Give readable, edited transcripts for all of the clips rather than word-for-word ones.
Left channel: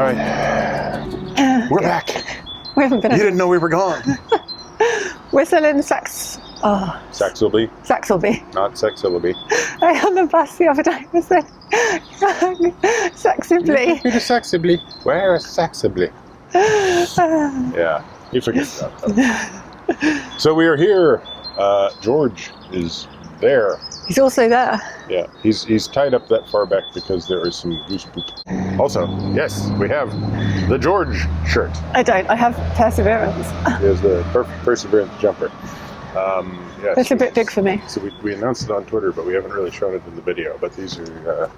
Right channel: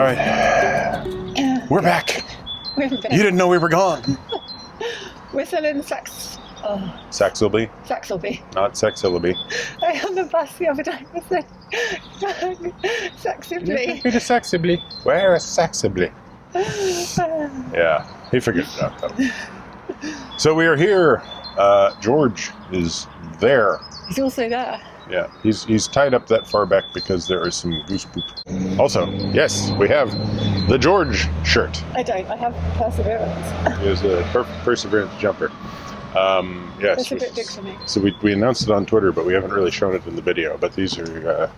right. We're back. We haven't been. You didn't know we were gone. We're still in Saxilby. Saxilby. Not Saxilby. I on the bus the other day was there. Saxilby. Where is Saxilby? Where is Saxilby? Yeah, he figured it out though. So we are here. George is there. He's also there. Yeah, he's tied up that far back because there is some goose poop. Also, yes, we have the George shirt. I don't. I have Perseverance. There's the Perseverance jumper. Yes, That's a bit big for me. So we announced it on Twitter, but we haven't really shown it in the video. But these are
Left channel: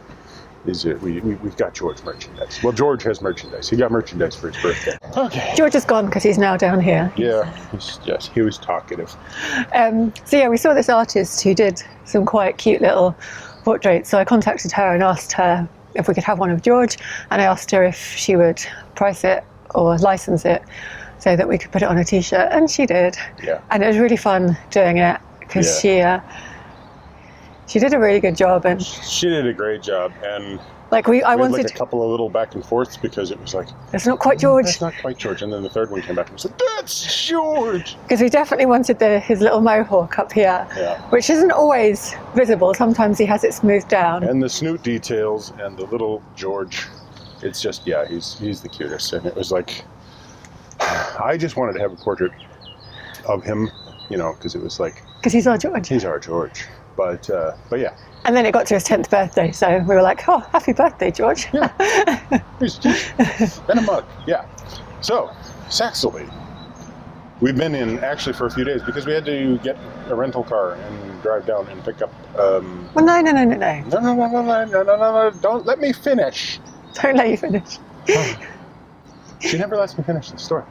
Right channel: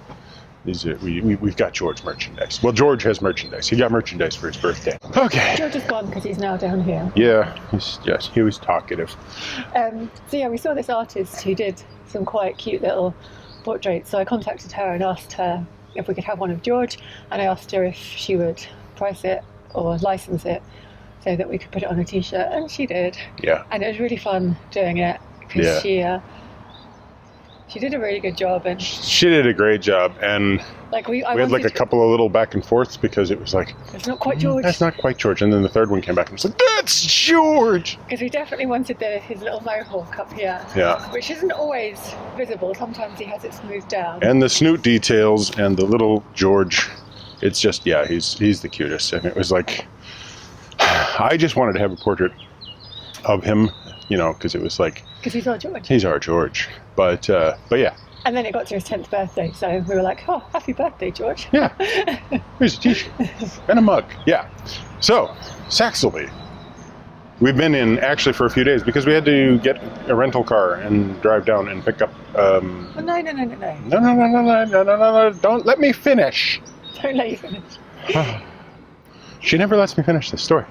we've got George merchandise. Well, George has merchandise. He got merchandise for his birthday. Okay. George is gone because he's now down here. Yeah, he was talkative. So yeah, we saw this artist who did some quite cute little portraits. So I contacted her and asked her if we could have one of George, and I asked her if she would price it or license it so that we could put it on a t-shirt, and she did. Yeah. And it was really fun doing it because she did a really good job, and she did a great job, and like we had like a couple of little back and forths because it was like, it's not quite George. That's not quite George, and then the third one came back and was like, that's George. Because we definitely wanted his little mohawk up here, which isn't always visible. Sometimes he has it smoothed down. And the snoot details and the little George, it's just he's the cutest, and it was like, I just wanted to have a portrait of him, because it was like, because he's our George. He's our George. But yeah. And then it got to his 10th birthday, so we were like, oh, happy birthday, George. Yeah. Here's a t-shirt and a mug. Yeah. So, Saxilby. We've been in actually for a few days because we had to get a rental car and drive down and pick up. Well, no. No. Don't let me finish. Don't let you finish. She never lets me finish this story.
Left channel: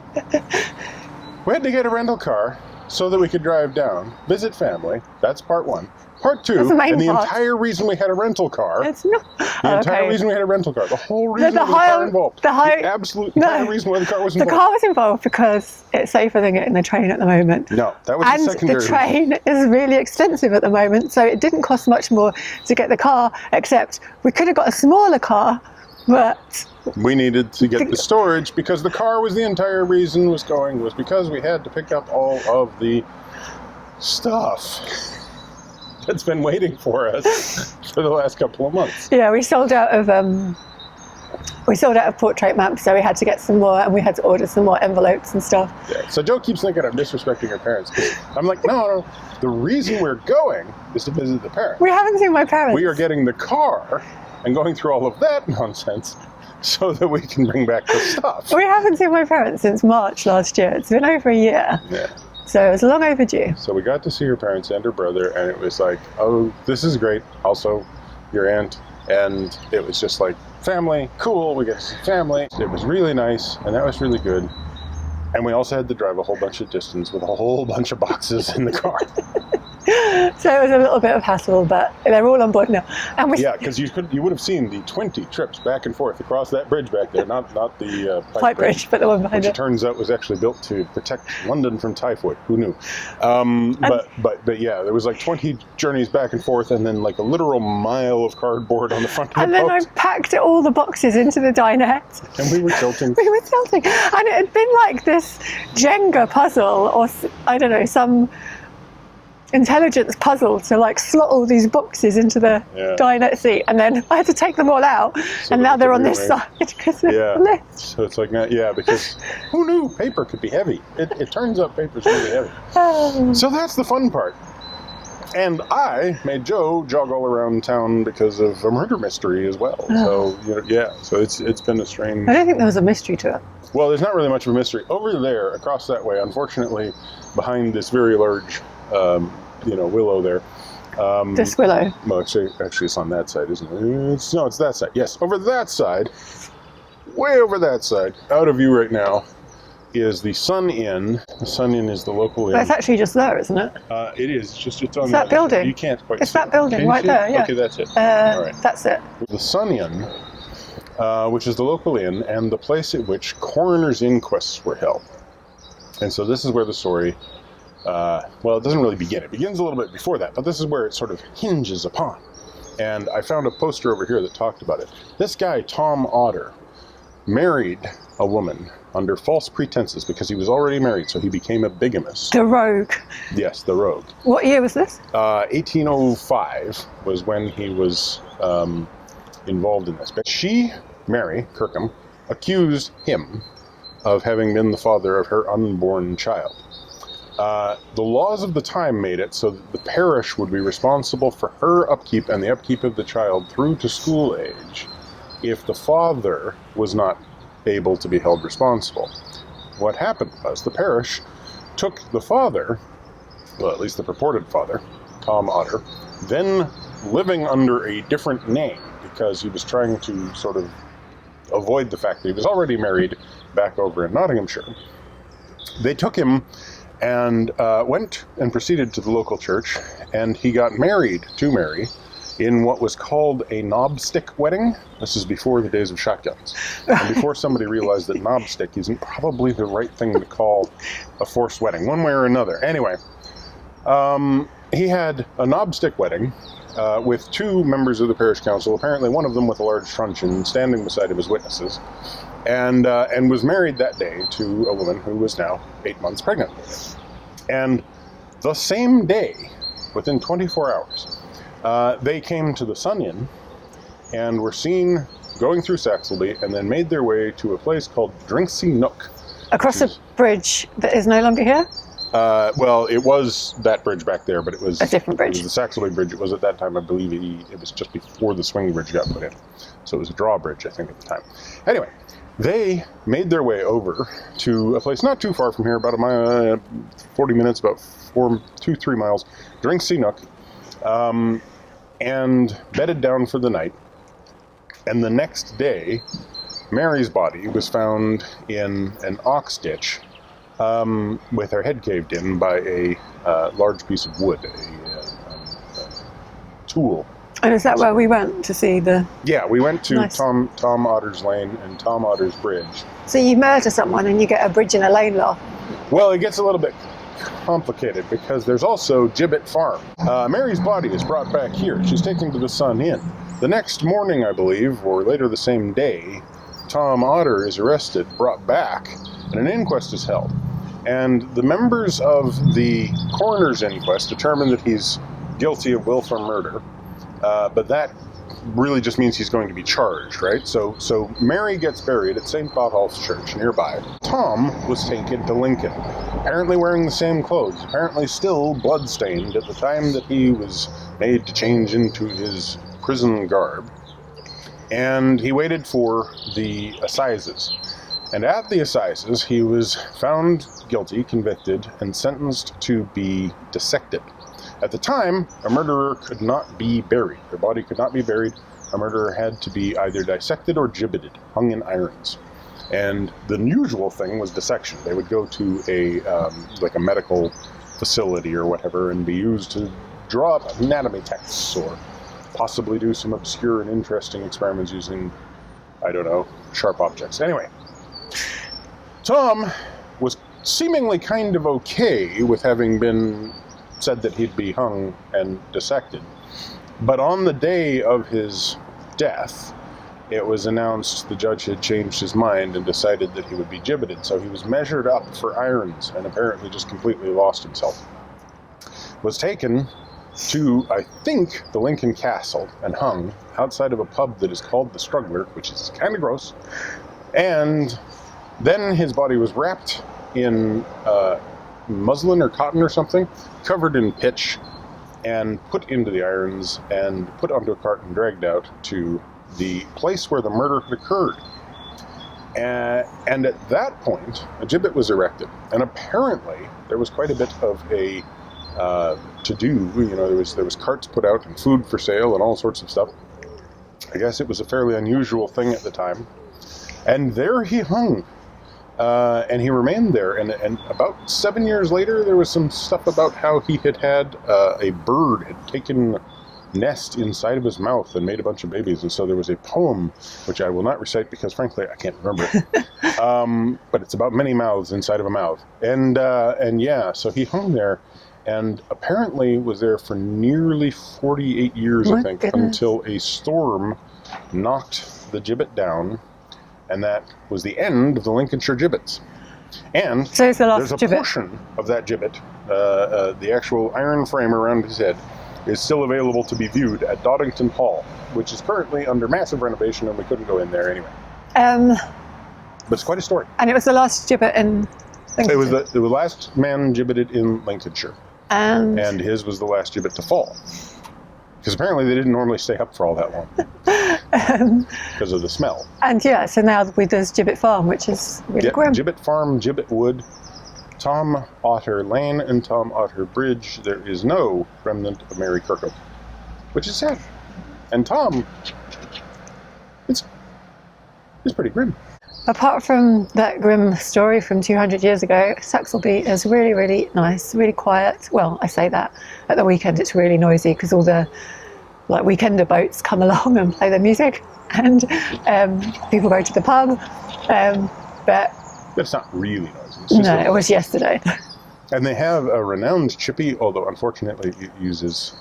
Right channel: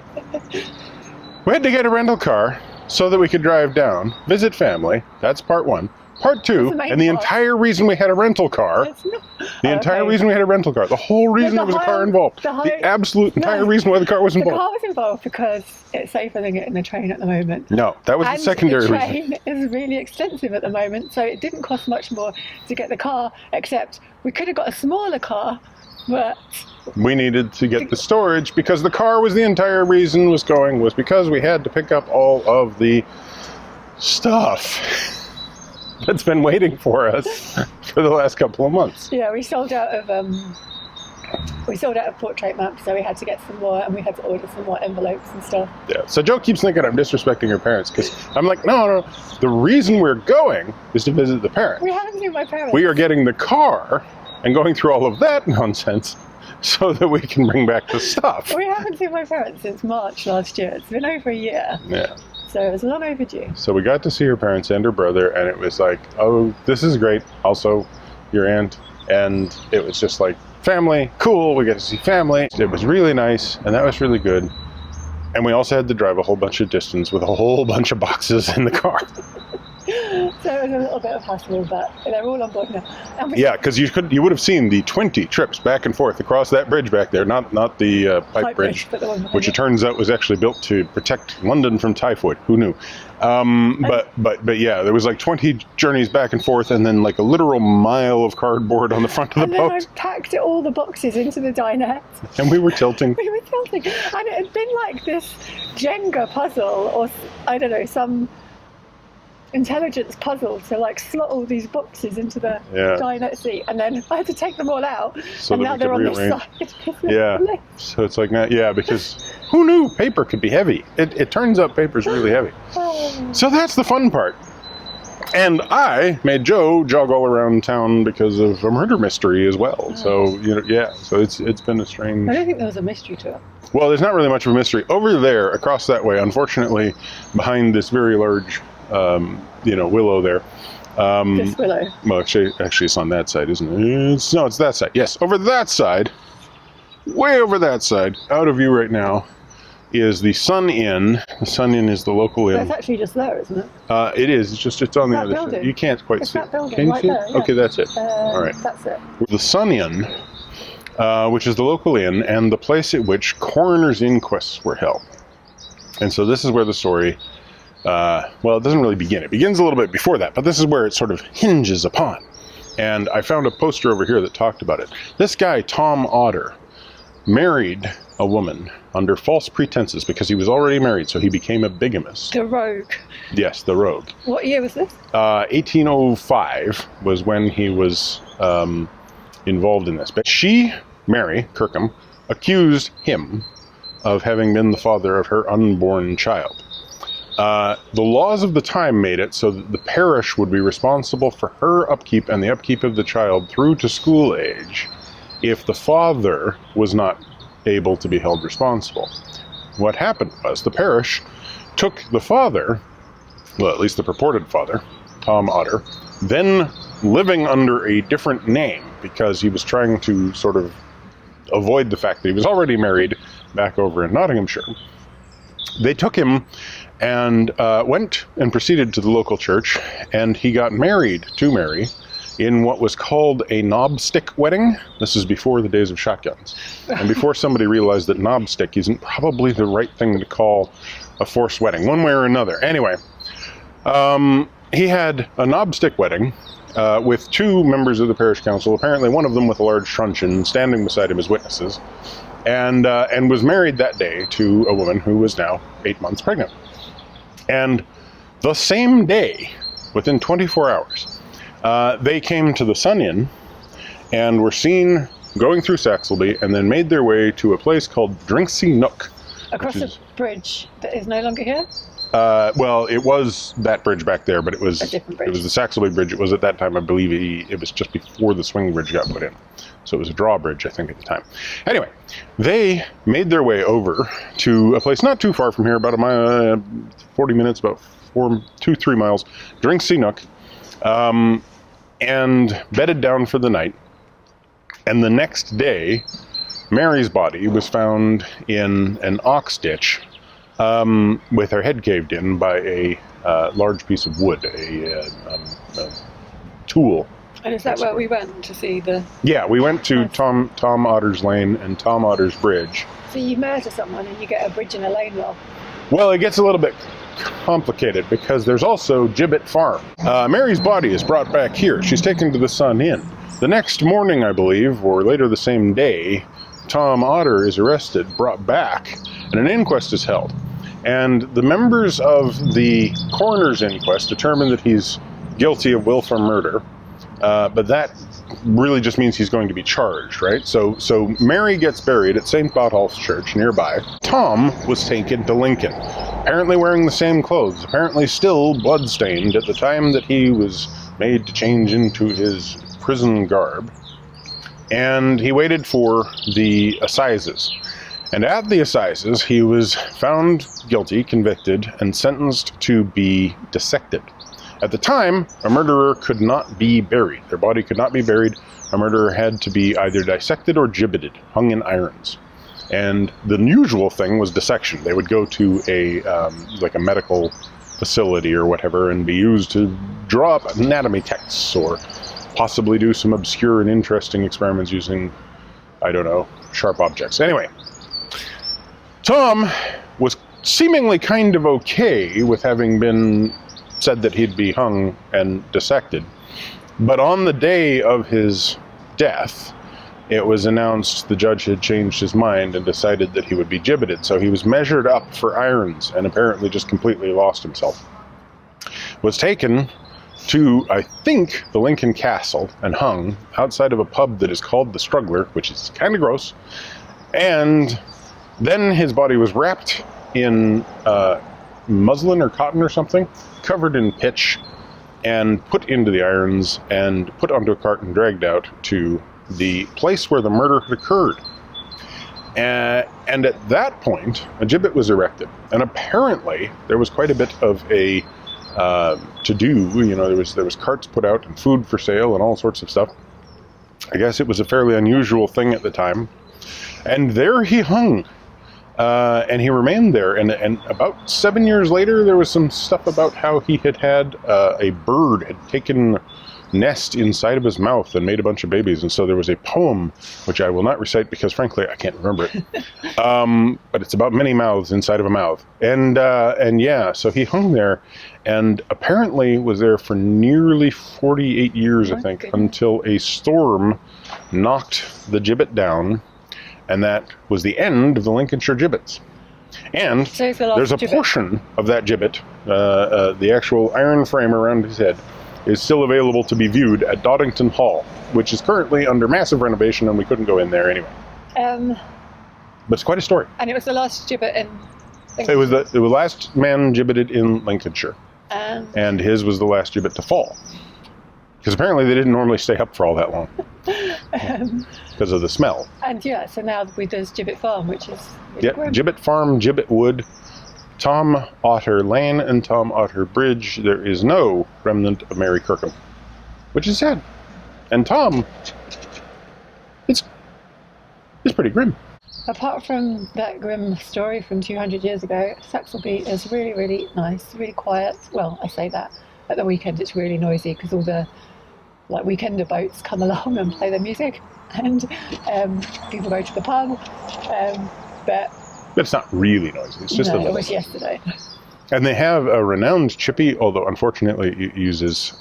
We had to get a rental car so that we could drive down, visit family. That's part one. Part two, and the entire reason we had a rental car, the entire reason we had a rental car, the whole reason there was a car involved, the absolute entire reason why the car was involved. The car was involved because it's safer than getting the train at the moment. No, that was the secondary reason. And the train is really expensive at the moment, so it didn't cost much more to get the car, except we could have got a smaller car, but we needed to get the storage because the car was the entire reason was because we had to pick up all of the stuff that's been waiting for us for the last couple of months. Yeah, we sold out of portrait maps, so we had to get some more, and we had to order some more envelopes and stuff. Yeah. So Joe keeps thinking I'm disrespecting her parents because I'm like, no. The reason we're going is to visit the parents. We haven't seen my parents. We are getting the car and going through all of that nonsense so that we can bring back the stuff. We haven't seen my parents since March last year. It's been over a year. Yeah. So it was long overdue. So we got to see her parents and her brother, and it was like, oh, this is great. Also, your aunt. And it was just like, family, cool. We got to see family. It was really nice, and that was really good. And we also had to drive a whole bunch of distance with a whole bunch of boxes in the car. So it was a little bit of hassle, but they're all on board now. And yeah, because you would have seen the 20 trips back and forth across that bridge back there, not the pipe bridge, but the one behind which it turns out was actually built to protect London from typhoid. Who knew? But yeah, there was like 20 journeys back and forth, and then like a literal mile of cardboard on the front of the boat. And then I packed all the boxes into the dinette. And we were tilting. And it had been like this Jenga puzzle, or I don't know, some intelligence puzzle to like slot all these boxes into the dinette seat, and then I had to take them all out, so and now they're on this side. So it's like, because who knew paper could be heavy? It turns out paper's really heavy. So that's the fun part. And I made Joe jog all around town because of a murder mystery as well. So so it's been a strange. I don't think there was a mystery to it. Well, there's not really much of a mystery over there across that way. Unfortunately, behind this very large willow there. This willow? Well, actually it's on that side, isn't it? No, it's that side. Yes, over that side, way over that side, out of view right now, is the Sun Inn. The Sun Inn is the local inn. That's actually just there, isn't it? It is. It's on the other building. side. You can't quite see it. It's that building right there, yeah. Okay, that's it. All right. That's it. The Sun Inn, which is the local inn and the place at which coroner's inquests were held. And so this is where the story, it doesn't really begin. It begins a little bit before that, but this is where it sort of hinges upon. And I found a poster over here that talked about it. This guy, Tom Otter, married a woman under false pretenses because he was already married, so he became a bigamist. The rogue. Yes, the rogue. What year was this? 1805 was when he was involved in this. But she, Mary Kirkham, accused him of having been the father of her unborn child. The laws of the time made it so that the parish would be responsible for her upkeep and the upkeep of the child through to school age if the father was not able to be held responsible. What happened was the parish took the father, well, at least the purported father, Tom Otter, then living under a different name because he was trying to sort of avoid the fact that he was already married back over in Nottinghamshire. They took him and went and proceeded to the local church, and he got married to Mary in what was called a knobstick wedding. This is before the days of shotguns, and before somebody realized that knobstick isn't probably the right thing to call a forced wedding, one way or another. Anyway, he had a knobstick wedding with two members of the parish council, apparently one of them with a large truncheon, standing beside him as witnesses, and was married that day to a woman who was now 8 months pregnant. And the same day, within 24 hours, they came to the Sun Inn and were seen going through Saxilby and then made their way to a place called Drinksy Nook. Across a bridge that is no longer here? Well, it was that bridge back there, but it was a different bridge. It was the Saxilby Bridge. It was at that time, I believe, it was just before the swing bridge got put in. So it was a drawbridge, I think, at the time. Anyway, they made their way over to a place not too far from here, about a mile, 40 minutes, about 2-3 miles, Drinksy Nook, and bedded down for the night. And the next day, Mary's body was found in an ox ditch, with her head caved in by a large piece of wood, a tool. And is that where we went to see the... Yeah, we went to Nice. Tom Otter's Lane and Tom Otter's Bridge. So you murder someone and you get a bridge and a lane law? Well, it gets a little bit complicated because there's also Gibbet Farm. Mary's body is brought back here. She's taken to the Sun Inn. The next morning, I believe, or later the same day, Tom Otter is arrested, brought back, and an inquest is held. And the members of the coroner's inquest determine that he's guilty of willful murder, but that really just means he's going to be charged, right? So Mary gets buried at St. Botolph's Church nearby. Tom was taken to Lincoln, apparently wearing the same clothes, apparently still blood-stained at the time that he was made to change into his prison garb. And he waited for the assizes. And at the assizes, he was found guilty, convicted, and sentenced to be dissected. At the time, a murderer could not be buried. Their body could not be buried. A murderer had to be either dissected or gibbeted, hung in irons. And the usual thing was dissection. They would go to a medical facility or whatever and be used to draw up anatomy texts or possibly do some obscure and interesting experiments using, I don't know, sharp objects. Anyway, Tom was seemingly kind of okay with having been said that he'd be hung and dissected. But on the day of his death, it was announced the judge had changed his mind and decided that he would be gibbeted. So he was measured up for irons and apparently just completely lost himself. Was taken to, I think, the Lincoln Castle and hung outside of a pub that is called the Struggler, which is kind of gross. And then his body was wrapped in muslin or cotton or something, covered in pitch, and put into the irons and put onto a cart and dragged out to the place where the murder had occurred. And at that point, a gibbet was erected. And apparently, there was quite a bit of a to-do. You know, there was carts put out and food for sale and all sorts of stuff. I guess it was a fairly unusual thing at the time. And there he hung. And he remained there, and about 7 years later, there was some stuff about how he had a bird had taken nest inside of his mouth and made a bunch of babies, and so there was a poem, which I will not recite because, frankly, I can't remember it, but it's about many mouths inside of a mouth, and yeah, so he hung there, and apparently was there for nearly 48 years, I think, until a storm knocked the gibbet down. And that was the end of the Lincolnshire gibbets. And So it's the last there's a gibbet. portion of that gibbet, the actual iron frame around his head, is still available to be viewed at Doddington Hall, which is currently under massive renovation, and we couldn't go in there anyway. But it's quite a story. And it was the last gibbet in It was the last man gibbeted in Lincolnshire, and and his was the last gibbet to fall. Because apparently they didn't normally stay up for all that long because of the smell. And yeah, so now there's Gibbet Farm, which is really grim. Gibbet Farm, Gibbet Wood, Tom Otter Lane, and Tom Otter Bridge. There is no remnant of Mary Kirkham, which is sad. And Tom, it's pretty grim. Apart from that grim story from 200 years ago, Saxilby is really, really nice, really quiet. Well, I say that. At the weekend it's really noisy because all the weekender boats come along and play their music, and people go to the pub. But it's not really noisy. It's just it was yesterday. And they have a renowned chippy, although unfortunately it uses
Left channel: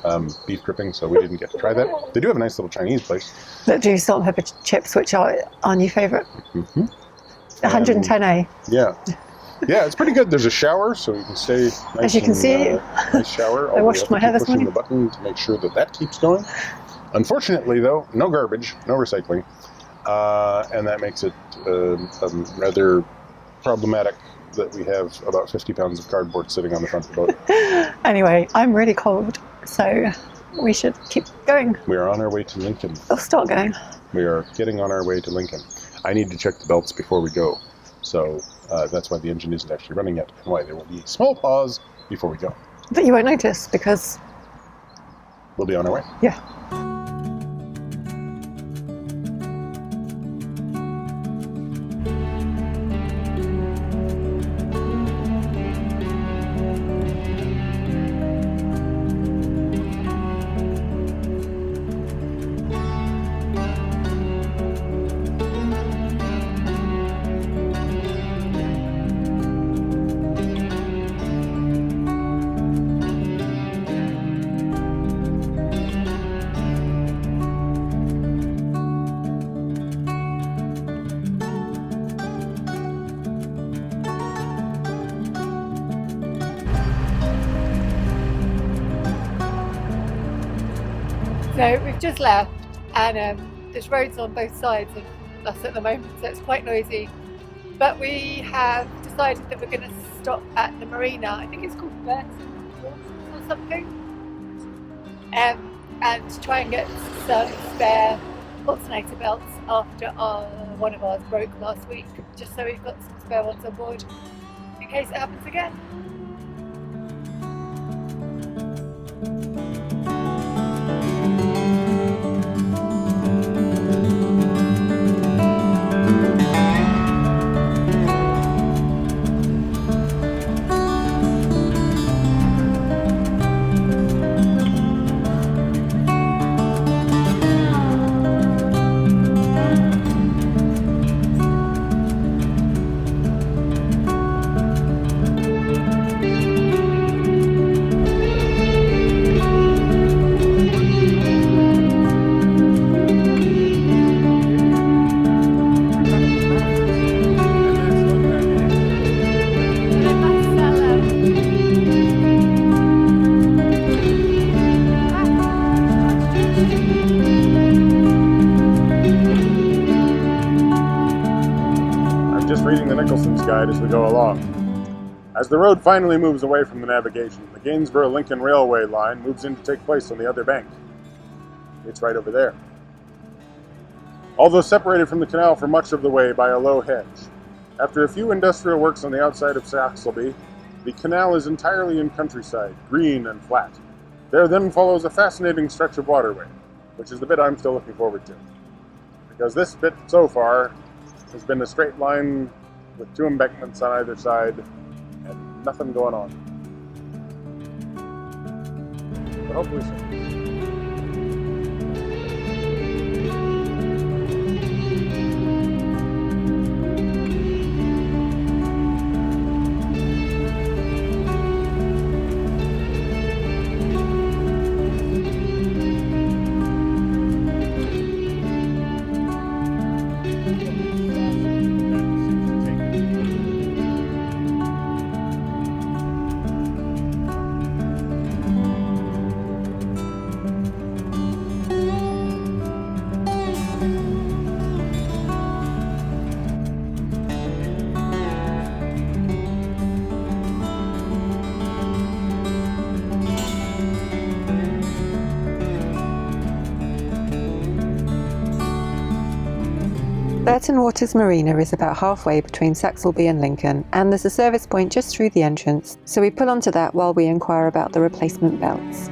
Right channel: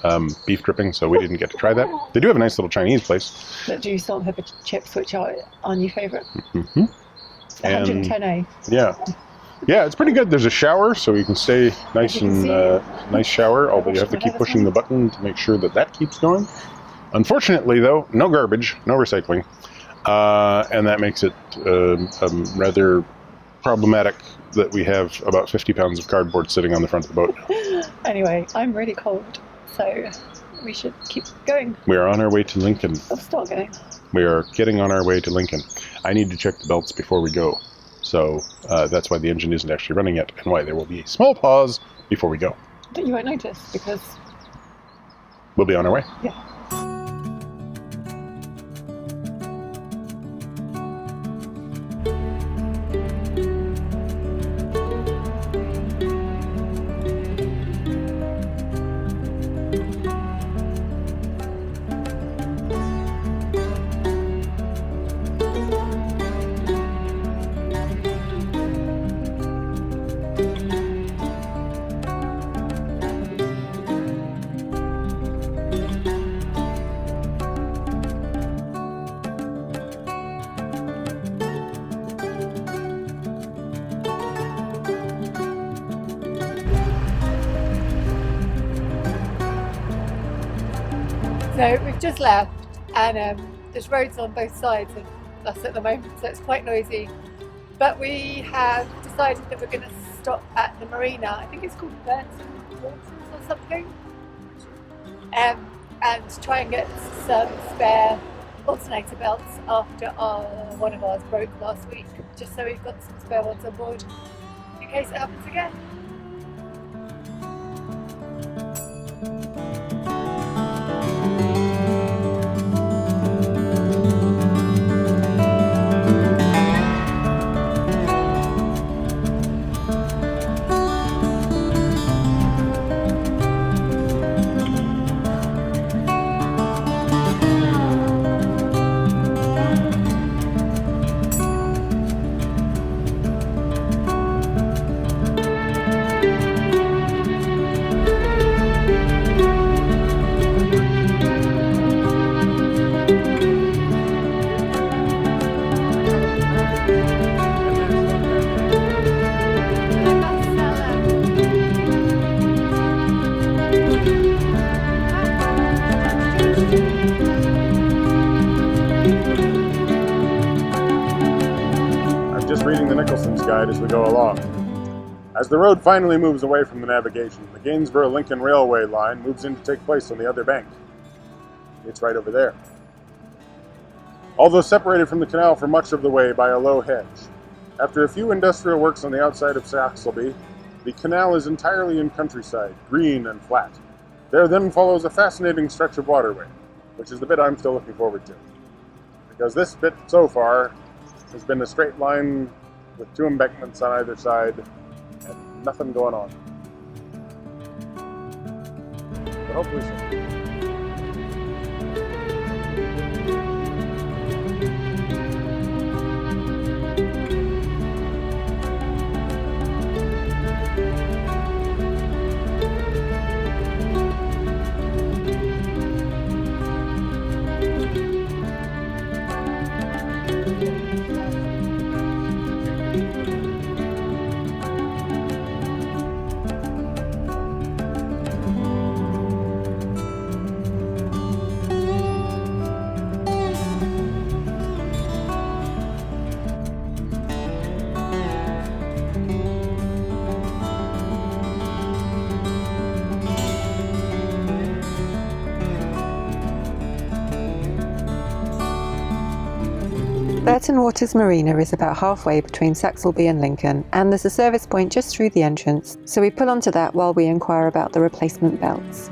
beef dripping, so we didn't get to try that. They do have a nice little Chinese place That do salt and pepper chips, which are our new favourite. Mm-hmm. 110A. Yeah. Yeah, it's pretty good. There's a shower, so you can stay nice. As you can see, nice shower. Although you have to keep pushing the button to make sure that keeps going. Unfortunately, though, no garbage, no recycling, and that makes it rather problematic that we have about 50 pounds of cardboard sitting on the front of the boat. Anyway, I'm really cold, so we should keep going. We are on our way to Lincoln. We'll start going. We are getting on our way to Lincoln. I need to check the belts before we go. So that's why the engine isn't actually running yet, and why there will be a small pause before we go. But you won't notice because we'll be on our way. Yeah. So we've just left, and there's roads on both sides of us at the moment, so it's quite noisy. But we have decided that we're going to stop at the marina. I think it's called Burton Waters or something, and try and get some spare alternator belts after one of ours broke last week, just so we've got some spare ones on board in case it happens again. Guide as we go along. As the road finally moves away from the navigation, the Gainsborough-Lincoln Railway line moves in to take place on the other bank. It's right over there. Although separated from the canal for much of the way by a low hedge, after a few industrial works on the outside of Saxilby, the canal is entirely in countryside, green and flat. There then follows a fascinating stretch of waterway, which is the bit I'm still looking forward to. Because this bit so far has been a straight line with two embankments on either side and nothing going on. But hopefully soon. Burton Waters Marina is about halfway between Saxilby and Lincoln, and there's a service point just through the entrance, so we pull onto that while we inquire about the replacement belts.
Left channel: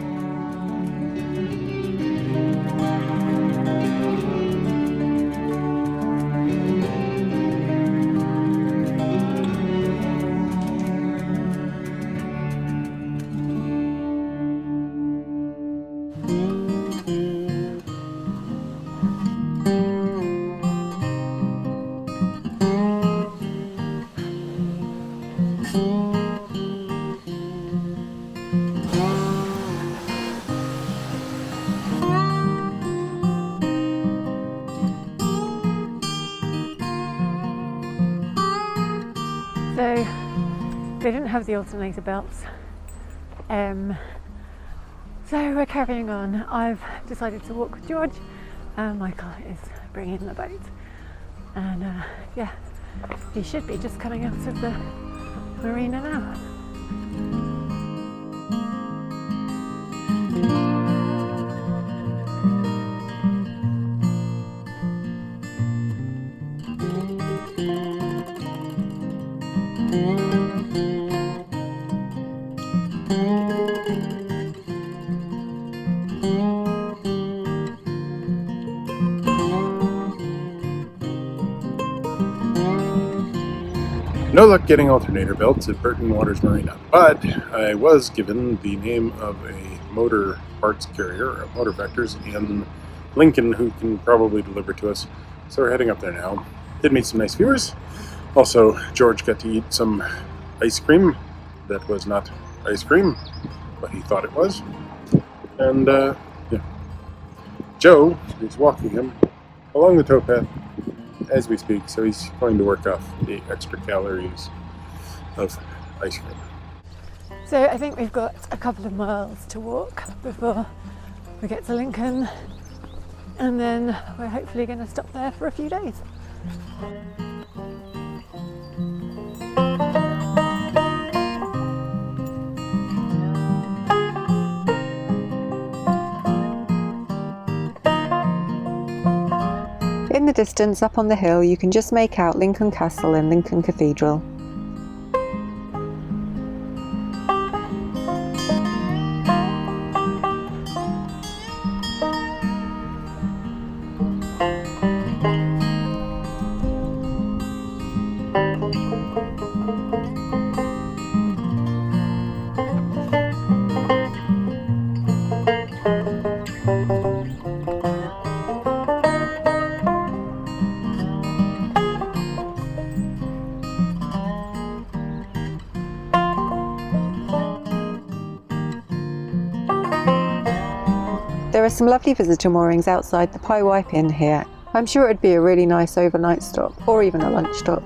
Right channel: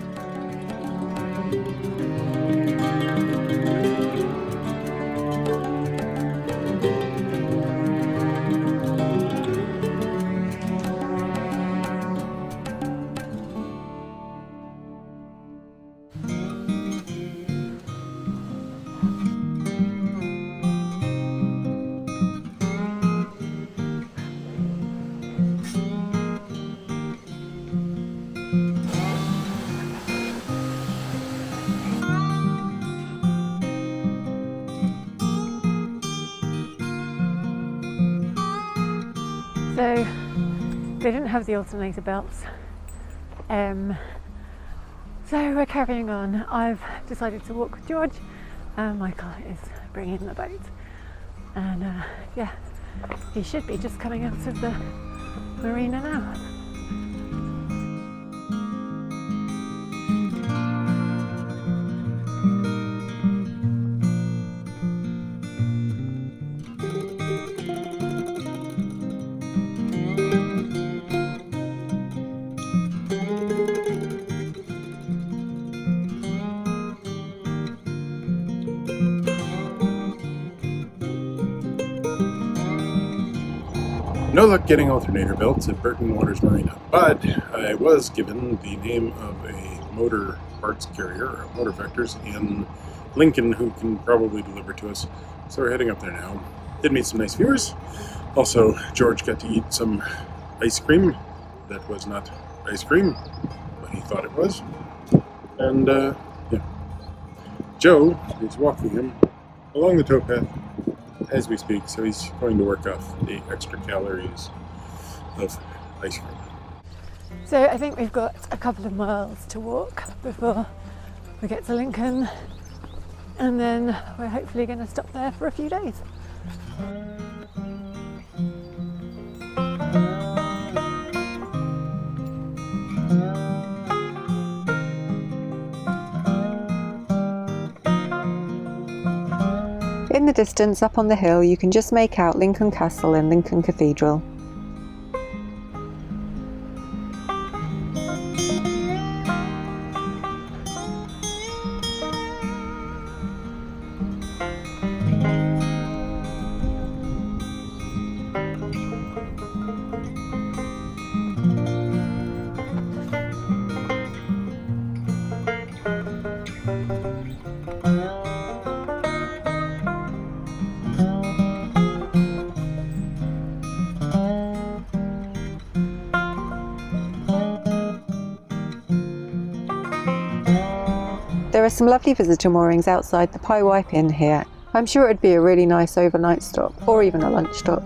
So they didn't have the alternator belts, so we're carrying on. I've decided to walk with George, and Michael is bringing the boat, and yeah, he should be just coming out of the marina now. No luck getting alternator belts at Burton Waters Marina, but I was given the name of a motor parts carrier, of Motor Vectors, in Lincoln, who can probably deliver to us. So we're heading up there now. Did meet some nice viewers. Also, George got to eat some ice cream that was not ice cream, but he thought it was. And yeah. Joe is walking him along the towpath as we speak, so he's going to work off the extra calories of ice cream. So I think we've got a couple of miles to walk before we get to Lincoln, and then we're hopefully going to stop there for a few days. In the distance, up on the hill, you can just make out Lincoln Castle and Lincoln Cathedral. There are some lovely visitor moorings outside the Pie Wipe Inn here. I'm sure it would be a really nice overnight stop, or even a lunch stop.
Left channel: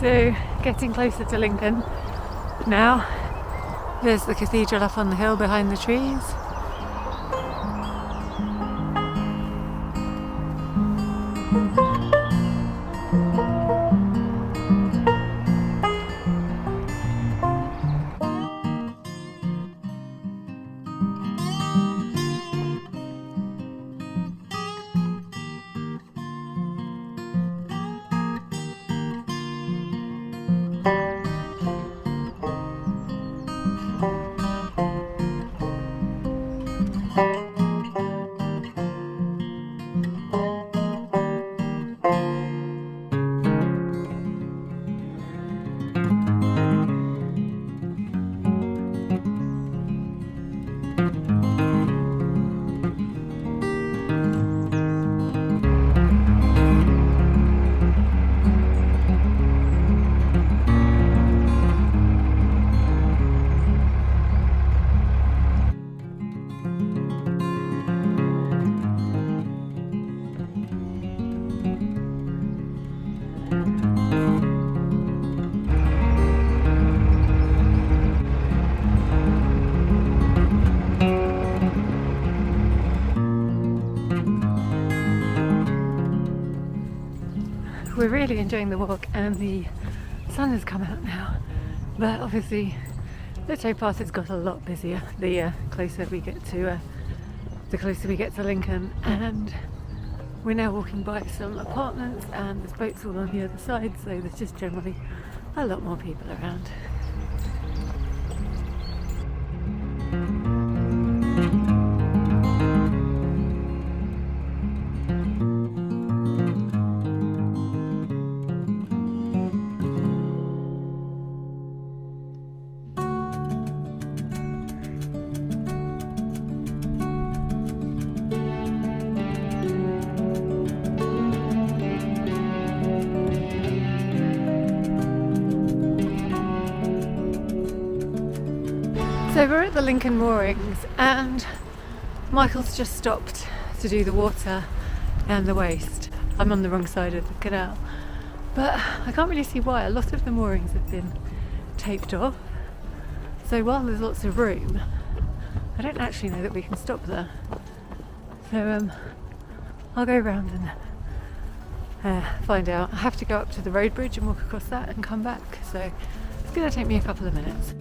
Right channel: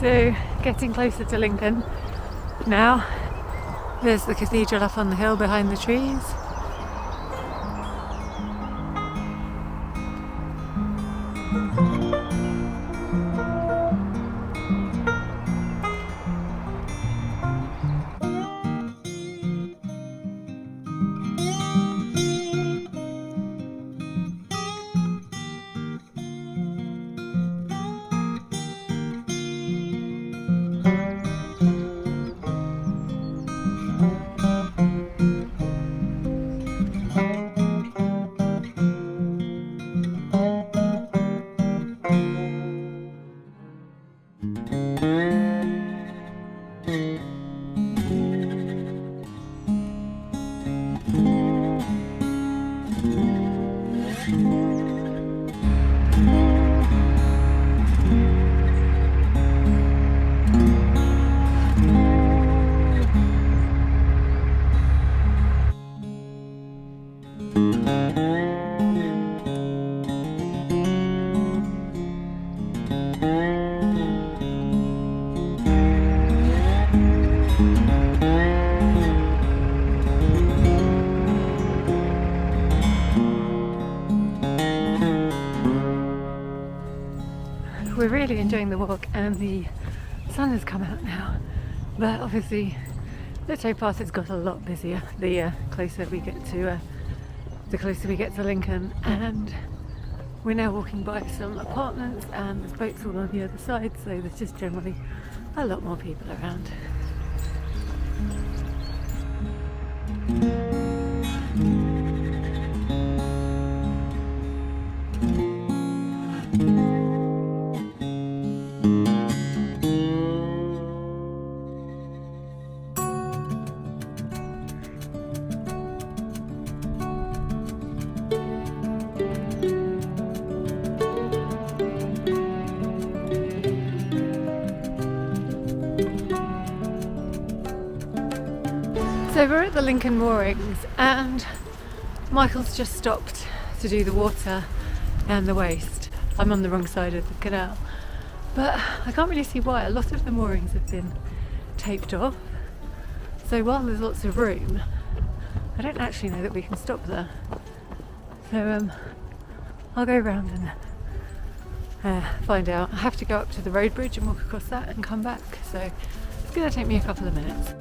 So, getting closer to Lincoln now. There's the cathedral up on the hill behind the trees. We're really enjoying the walk, and the sun has come out now, but obviously the towpath has got a lot busier the closer we get to Lincoln, and we're now walking by some apartments and there's boats all on the other side, so there's just generally a lot more people around. So we're at the Lincoln moorings and Michael's just stopped to do the water and the waste. I'm on the wrong side of the canal, but I can't really see why. A lot of the moorings have been taped off, so while there's lots of room, I don't actually know that we can stop there. So I'll go around and find out. I have to go up to the road bridge and walk across that and come back, so it's going to take me a couple of minutes.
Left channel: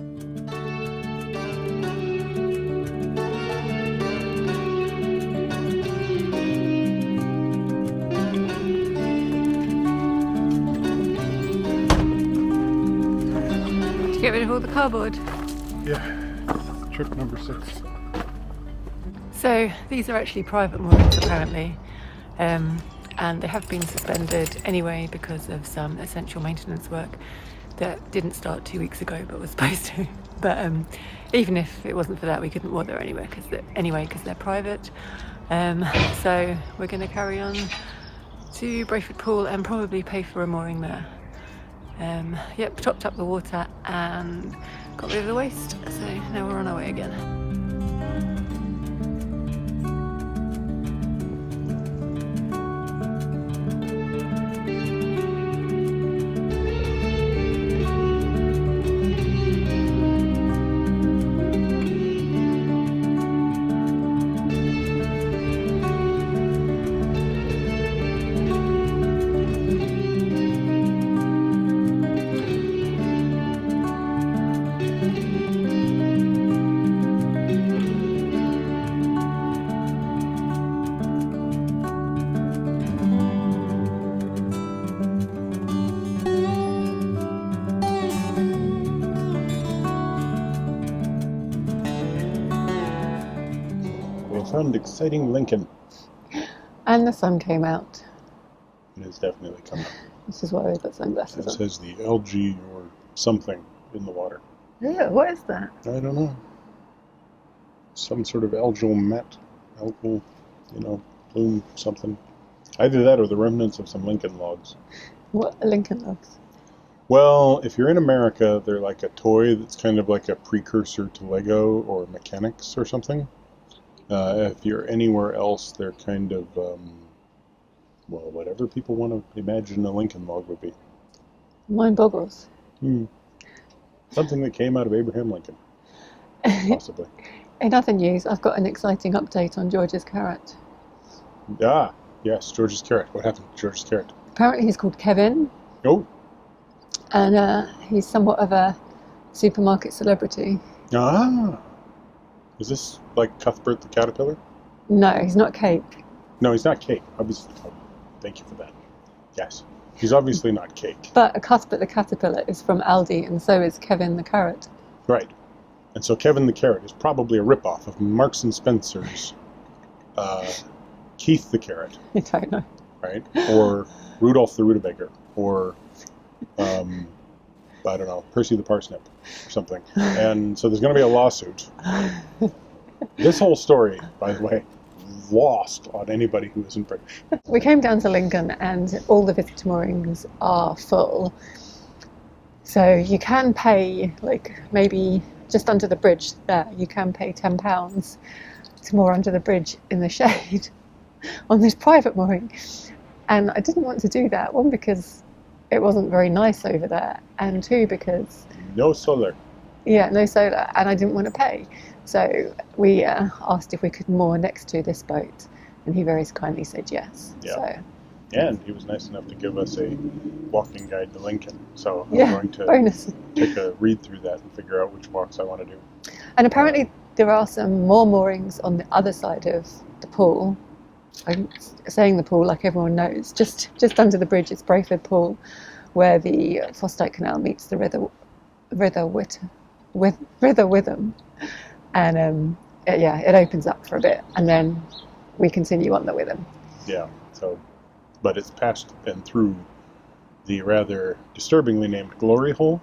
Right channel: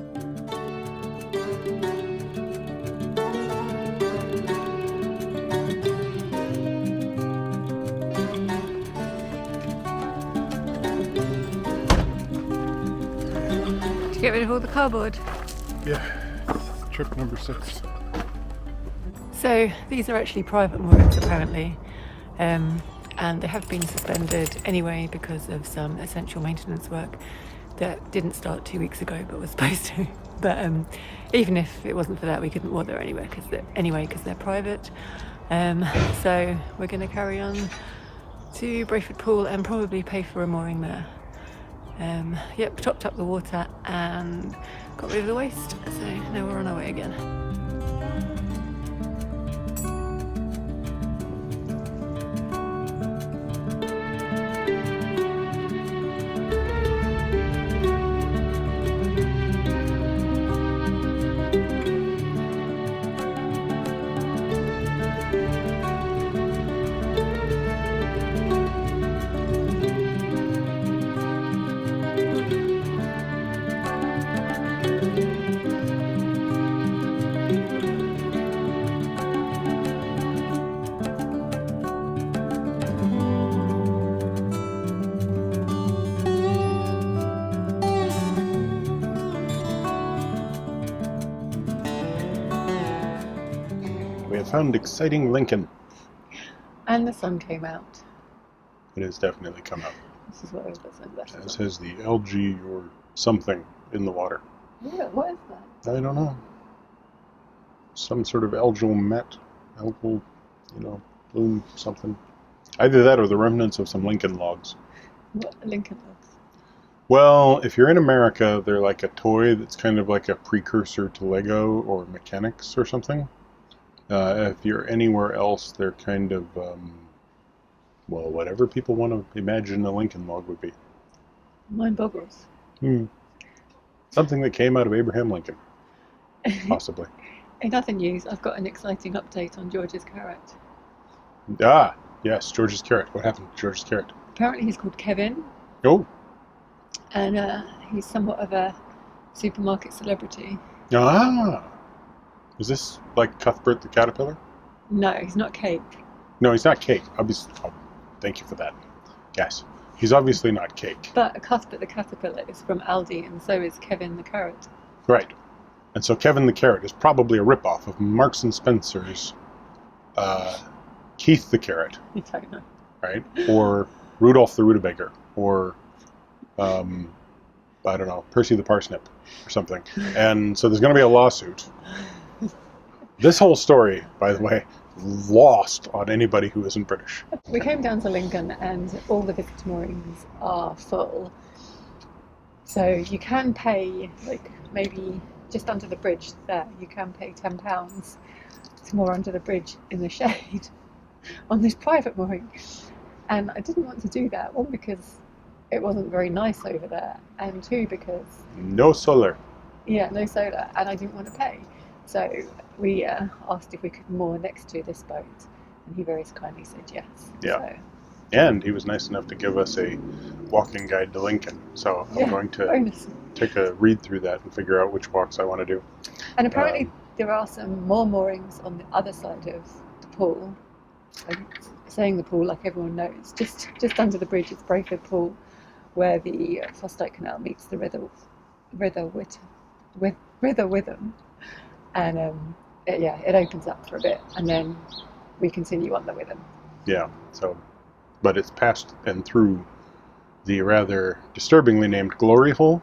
Get rid of all the cardboard. Yeah, trip number 6. So these are actually private moorings apparently, and they have been suspended anyway because of some essential maintenance work that didn't start 2 weeks ago but was supposed to. But even if it wasn't for that, we couldn't walk there anyway because they're private. So we're going to carry on to Brayford Pool and probably pay for a mooring there. Yep, topped up the water and got rid of the waste, so now we're on our way again. Found exciting Lincoln. And the sun came out. It has definitely come out. This is why we've got sunglasses on. It says the algae or something in the water. Yeah, what is that? I don't know. Some sort of algal mat, algal, bloom something. Either that or the remnants of some Lincoln logs. What are Lincoln logs? Well, if you're in America, they're like a toy that's kind of like a precursor to Lego or mechanics or something. If you're anywhere else, they're kind of, whatever people want to imagine a Lincoln log would be. Mine boggles. Something that came out of Abraham Lincoln, possibly. In other news, I've got an exciting update on George's carrot. Ah, yes, George's carrot. What happened to George's carrot? Apparently he's called Kevin. Oh. And he's somewhat of a supermarket celebrity. Ah. Is this like Cuthbert the caterpillar? No, he's not Cake. No, he's not Cake. Thank you for that. Yes. He's obviously not Cake. But Cuthbert the caterpillar is from Aldi, and so is Kevin the carrot. Right. And so Kevin the carrot is probably a ripoff of Marks and Spencer's Keith the carrot. I don't know. Right? Or Rudolph the rutabaga. Or, I don't know, Percy the parsnip or something. And so there's going to be a lawsuit. This whole story, by the way, lost on anybody who isn't British. We came down to Lincoln and all the visitor moorings are full. So you can pay, like maybe just under the bridge there, you can pay £10 to moor under the bridge in the shade on this private mooring. And I didn't want to do that, one because it wasn't very nice over there, and two because... No solar. Yeah, no solar, and I didn't want to pay. So we asked if we could moor next to this boat, and he very kindly said yes. Yeah. So. And he was nice enough to give us a walking guide to Lincoln. So I'm going to bonus. take a read through that and figure out which walks I want to do. And apparently there are some more moorings on the other side of the pool. I'm saying the pool like everyone knows. Just under the bridge is Brayford Pool, where the Fossdyke Canal meets the River Witham. And it opens up for a bit, and then we continue on the Witham. Yeah, so, but it's past and through the rather disturbingly named Glory Hole.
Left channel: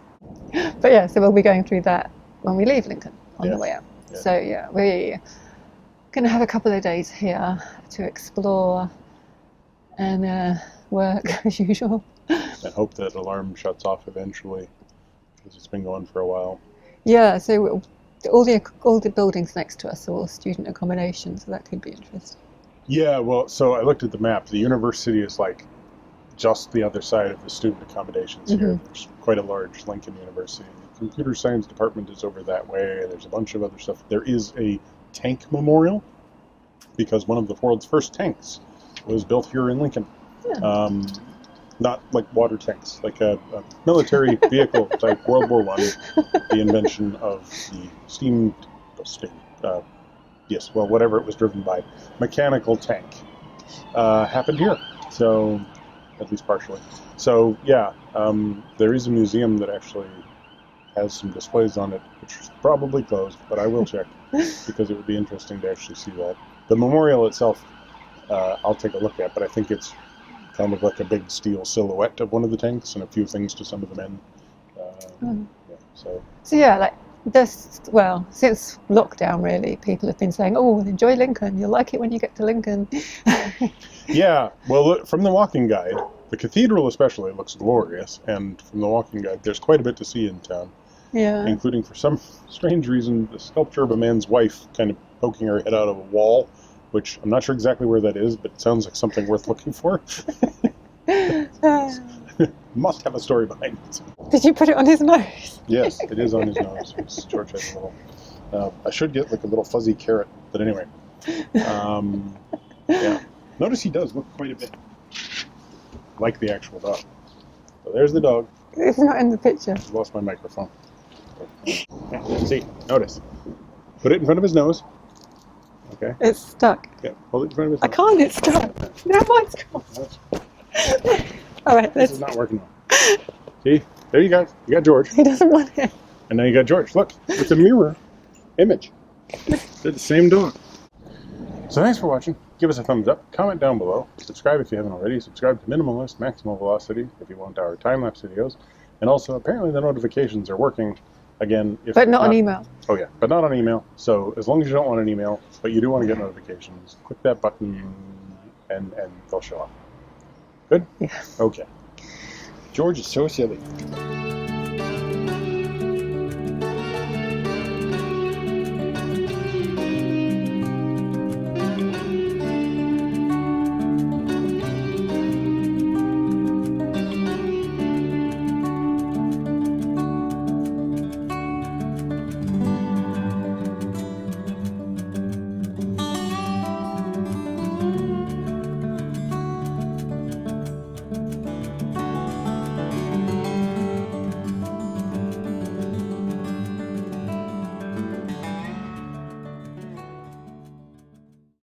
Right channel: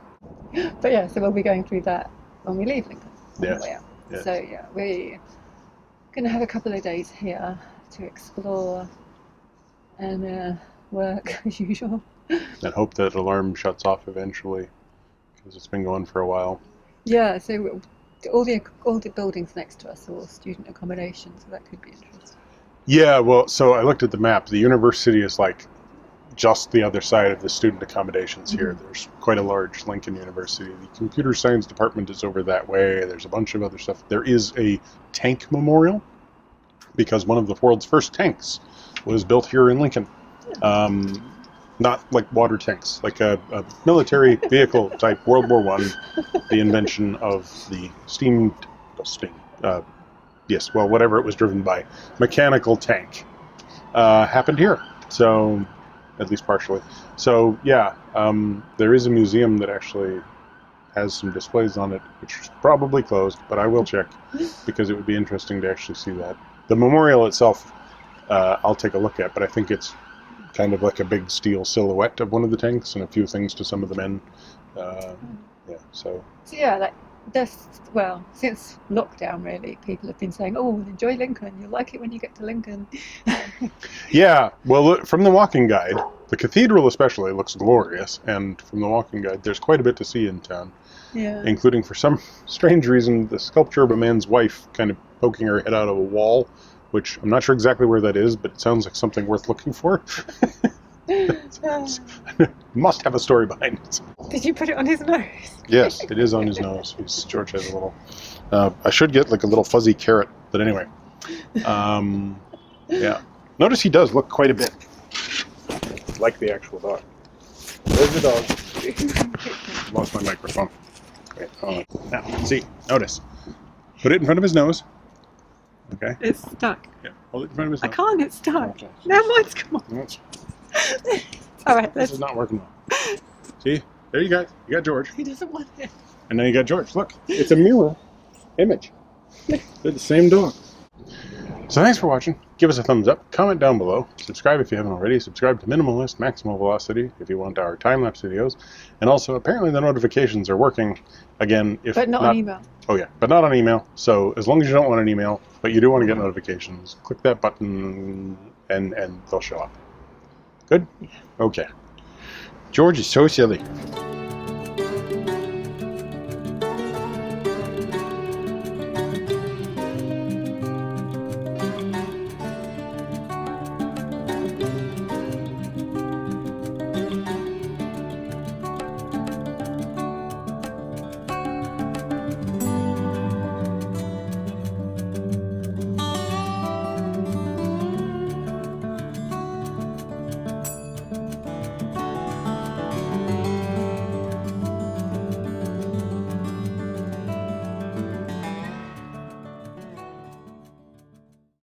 But yeah, so we'll be going through that when we leave Lincoln on Yes. the way out. Yes. So yeah, we're going to have a couple of days here to explore and work as usual. And hope that alarm shuts off eventually, because it's been going for a while. Yeah, so all the buildings next to us are all student accommodation, so that could be interesting. Yeah, well, so I looked at the map. The university is like just the other side of the student accommodations here. There's quite a large Lincoln University. The computer science department is over that way. There's a bunch of other stuff. There is a tank memorial, because one of the world's first tanks was built here in Lincoln. Yeah. Not like water tanks, like a military vehicle type World War I, the invention of the whatever it was driven by, mechanical tank, happened here. So, at least partially. So, yeah, there is a museum that actually has some displays on it, which is probably closed, but I will check, because it would be interesting to actually see that. The memorial itself, I'll take a look at, but I think it's kind of like a big steel silhouette of one of the tanks and a few things to some of the men. So yeah, like this. Well, since lockdown, really, people have been saying, "Oh, enjoy Lincoln. You'll like it when you get to Lincoln." Yeah. Well, look, from the walking guide, the cathedral especially looks glorious, and from the walking guide, there's quite a bit to see in town. Yeah. Including, for some strange reason, the sculpture of a man's wife kind of poking her head out of a wall, which I'm not sure exactly where that is, but it sounds like something worth looking for. Must have a story behind it. Did you put it on his nose? Yes, it is on his nose. George has a little... I should get like a little fuzzy carrot, but anyway. Yeah. Notice he does look quite a bit like the actual dog. There's the dog. It's not in the picture. I lost my microphone. Okay, now, see, notice. Put it in front of his nose. Okay. It's stuck. Yeah, hold it in front of his nose. I can't, it's stuck. Now mine's come on. All right, this is not working well. See, there you go. You got George. He doesn't want it. And now you got George. Look, it's a mirror image. They're the same dog. So thanks for watching. Give us a thumbs up. Comment down below. Subscribe if you haven't already. Subscribe to Minimalist Maximal Velocity if you want our time-lapse videos. And also, apparently the notifications are working again. But not on email. Oh yeah, but not on email. So as long as you don't want an email, but you do want to get notifications, click that button and they'll show up. Good? Yeah. Okay. George is so silly.